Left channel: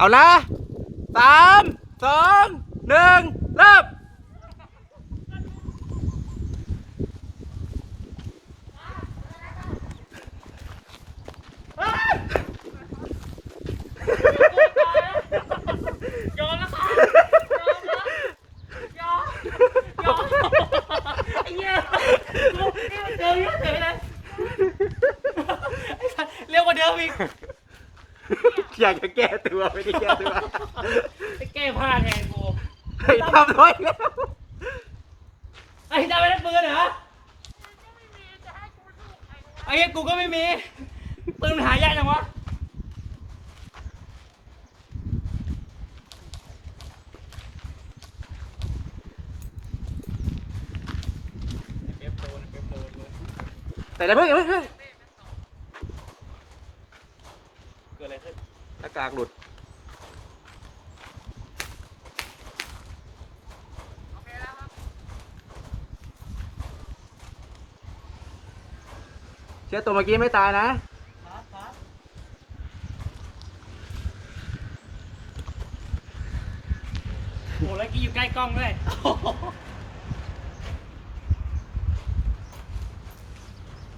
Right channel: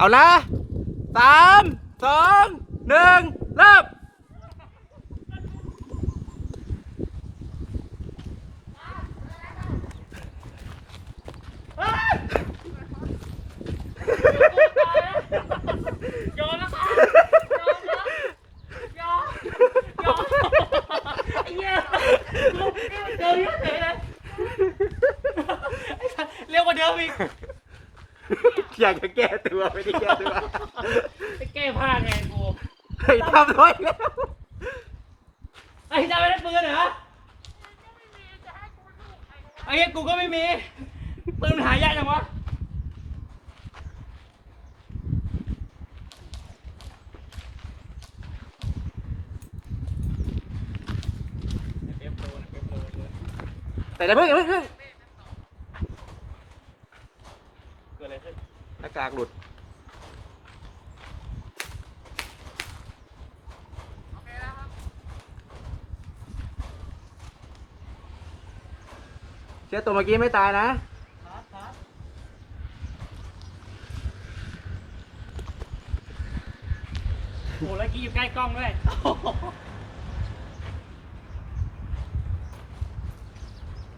เอาละ3 2 1เริ่มยอมแล้วครับยอมแล้วยอมไอ้เหี้ยเดี๋ยวเลยเร็วกว่าเดิมอีกอยากจะแก้ตัวไม่ได้แก้ตัว ไปแก้ผ้าไงกู เฮ้ยทำด้วยแล้ว ไอ้ดาวไม่ได้ปืนเหรอไอ้กูก็ไม่มีปืนหายากจังวะแต่อย่าเพิ่งเกิดอะไรขึ้นหน้ากากหลุดเชื่อตัวเมื่อกี้ไม่ตายนะโหแล้วกี้อยู่ใกล้กล้องด้วย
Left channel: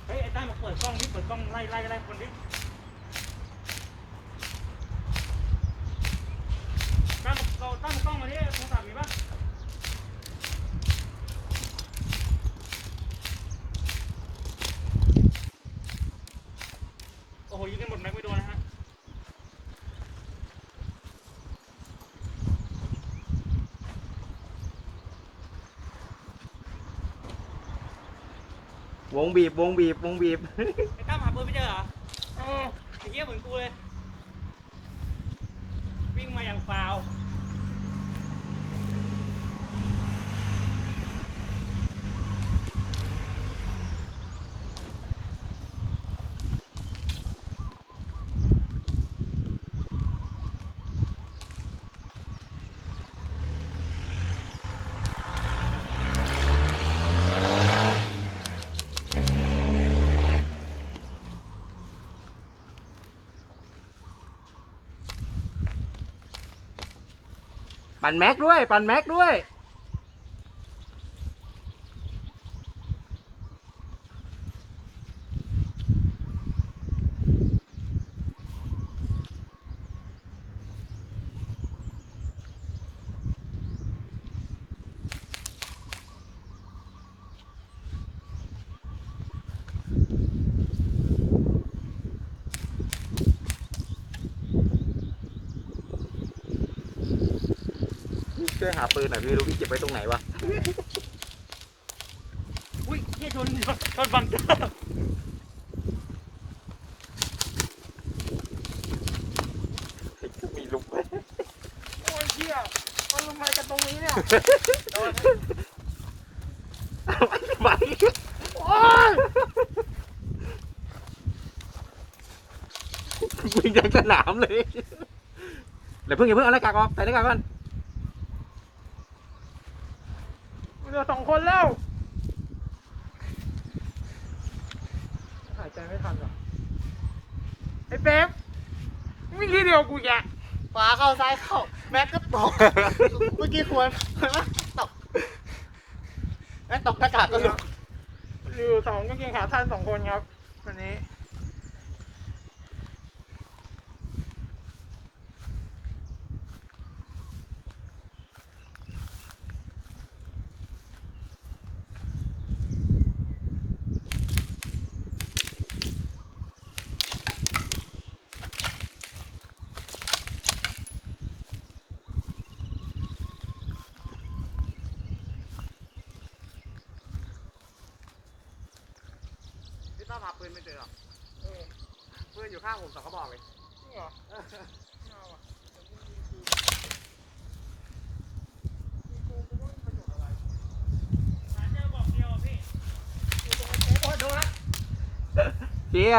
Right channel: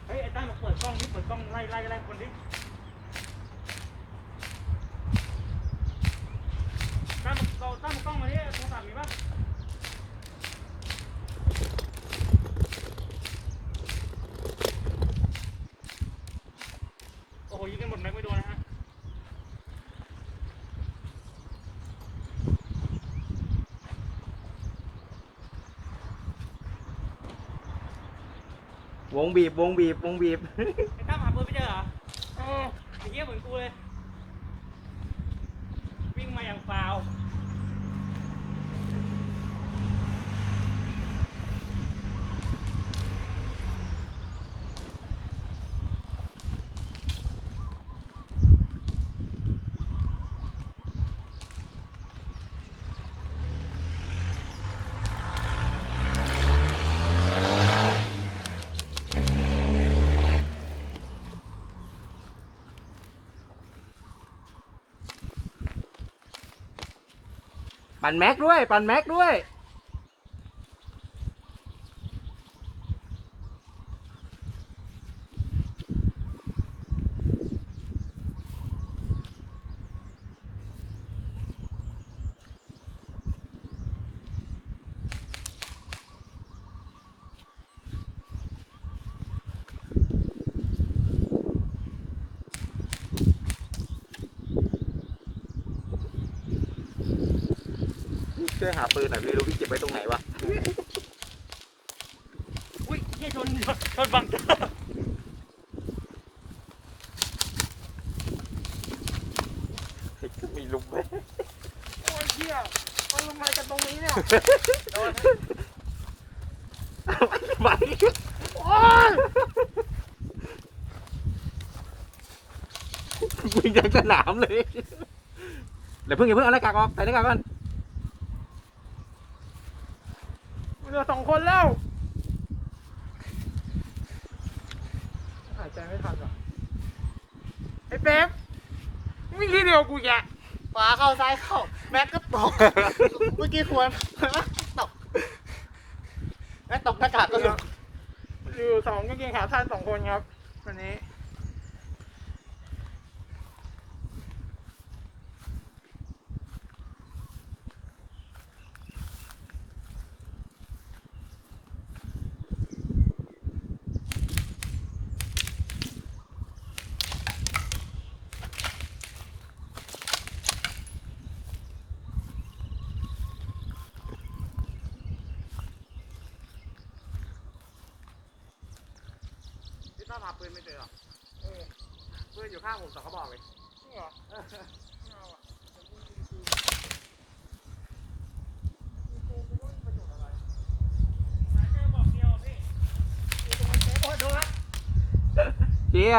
เฮ้ยไอ้ตั้งมาเปิดกล้องดิเปิดกล้องไล่คนดิตั้งกล้องมาดิโทรศัพท์มีป่ะโอ้โหยิงกันหมดแม็กไม่โดนนะฮะวงบีบวงบีบวงบีบ ไอ้ตั้มหาปืนไม่เจอเหรอไอ้เหี้ยเหมือนกูเลยวิ่งมาอย่างฟาวปั่นแม็กด้วยปั่นแม็กด้วยช่วยหาปืนหน่อยไม่รู้พี่เก็บไว้ตรงไหนวะ อุ้ยนี่ชนบังเกอร์ มีลุมไหม โอ้ยเหี้ยเอาลงมากันตรงนี้เนี่ย ไป โอ้ย มึงยังสนามเลยเดี๋ยวเพิ่งอย่าเพิ่งเอาหน้ากากออกใส่หน้ากากก่อน เหลือ2 คนแล้วหายใจไม่ทันว่ะไอ้เป๊ปนี่ทีเดียวกูแย่ขวาเข้าซ้ายเข้าแม็กก็ตกเมื่อกี้ควรตกแม็กตกหน้ากากก็หลุดอยู่2กางเกงขาสั้น2 คนครับวันนี้พี่ต้าหาปืนไม่เจอหรอปืนอยู่ข้างผม2 กระบอกเลยเชี่ย